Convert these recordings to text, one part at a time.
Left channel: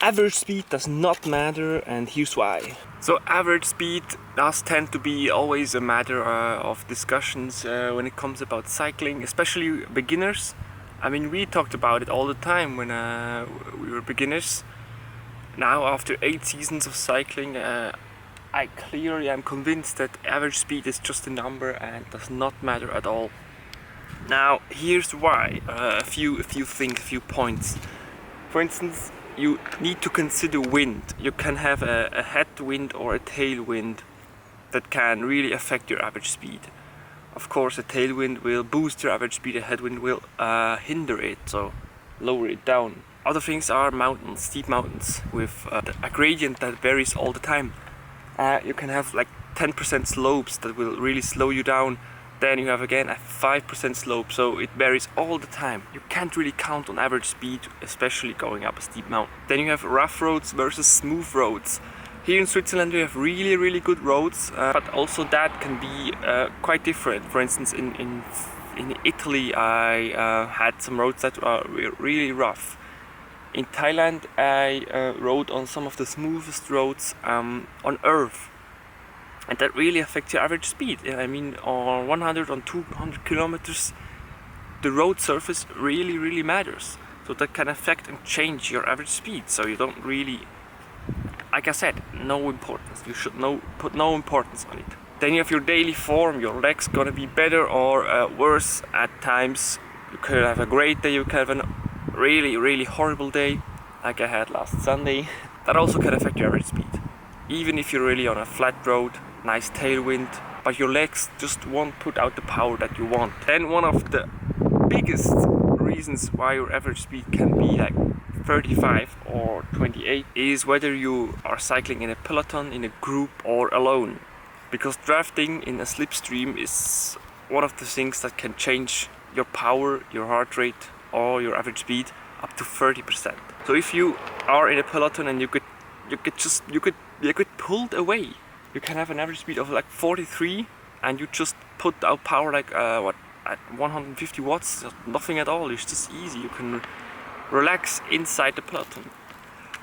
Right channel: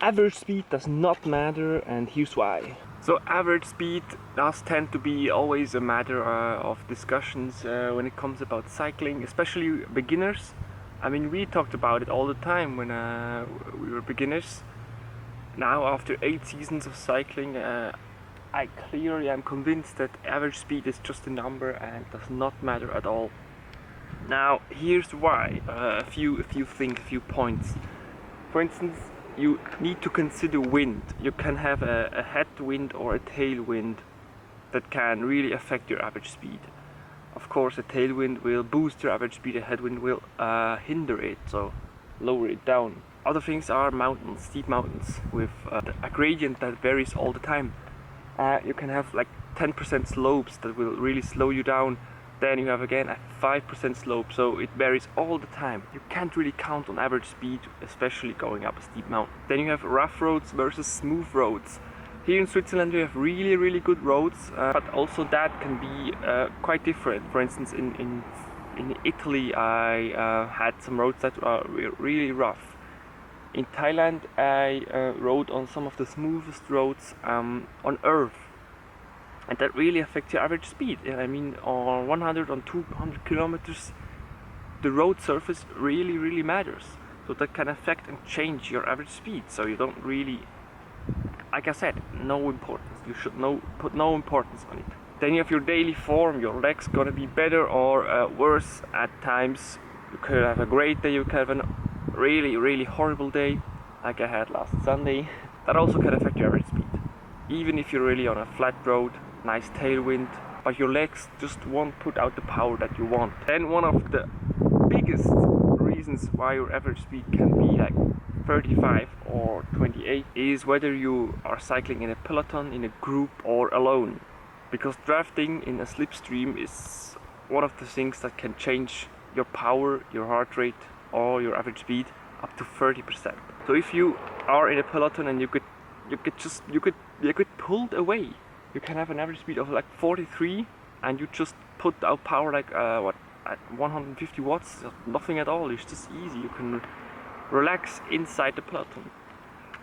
Average speed does not matter, and here's why. So average speed does tend to be always a matter of discussions when it comes about cycling, especially beginners. I mean, we talked about it all the time when we were beginners. Now, after 8 seasons of cycling, I clearly am convinced that average speed is just a number and does not matter at all. Now, here's why. A few things, a few points. For instance, you need to consider wind. You can have a headwind or a tailwind that can really affect your average speed. Of course, a tailwind will boost your average speed, a headwind will hinder it, so lower it down. Other things are mountains, steep mountains with a gradient that varies all the time. You can have like 10% slopes that will really slow you down. Then you have again a 5% slope, so it varies all the time. You can't really count on average speed, especially going up a steep mountain. Then you have rough roads versus smooth roads. Here in Switzerland we have really good roads, but also that can be quite different. For instance, in Italy I had some roads that are really rough. In Thailand I rode on some of the smoothest roads on earth. And that really affects your average speed. I mean, on 100, on 200 kilometers, the road surface really matters. So that can affect and change your average speed. So you don't really, like I said, no importance. You should put no importance on it. Then you have your daily form. Your leg's gonna be better or worse at times. You could have a great day. You could have a really horrible day, like I had last Sunday. That also can affect your average speed. Even if you're really on a flat road, nice tailwind, but your legs just won't put out the power that you want. Then one of the biggest reasons why your average speed can be like 35 or 28 is whether you are cycling in a peloton, in a group, or alone. Because drafting in a slipstream is one of the things that can change your power, your heart rate, or your average speed up to 30%. So if you are in a peloton and you get pulled away, you can have an average speed of like 43 and you just put out power like at 150 watts, nothing at all. It's just easy. You can relax inside the peloton.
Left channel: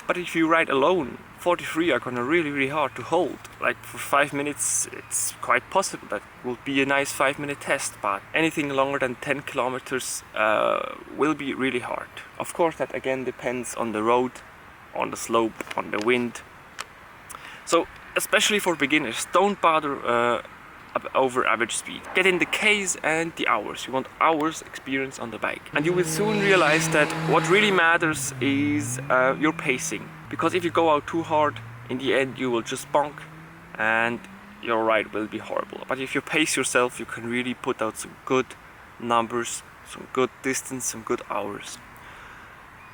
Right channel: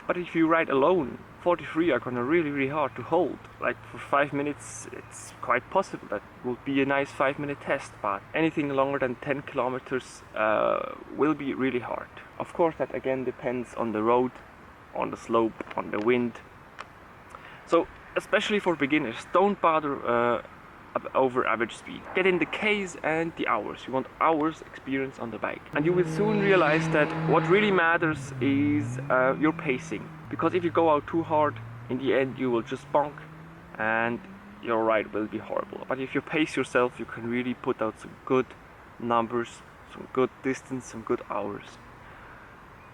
But if you ride alone, 43 are gonna really hard to hold. Like for 5 minutes, it's quite possible that will be a nice 5-minute test, but anything longer than 10 kilometers will be really hard. Of course, that again depends on the road, on the slope, on the wind. So especially for beginners, don't bother over average speed. Get in the Ks and the hours. You want hours experience on the bike. And you will soon realize that what really matters is your pacing. Because if you go out too hard, in the end you will just bonk and your ride will be horrible. But if you pace yourself, you can really put out some good numbers, some good distance, some good hours.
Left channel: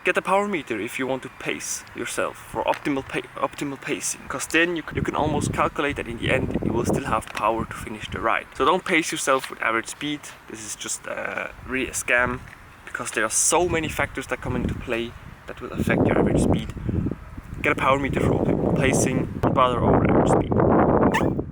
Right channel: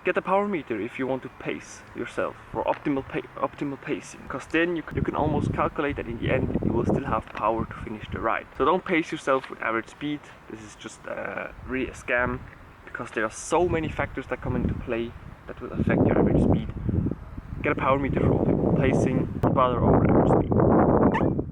Get a power meter if you want to pace yourself for optimal pacing, because then you can almost calculate that in the end you will still have power to finish the ride. So don't pace yourself with average speed. This is just really a scam, because there are so many factors that come into play that will affect your average speed. Get a power meter for optimal pacing, don't bother over average speed.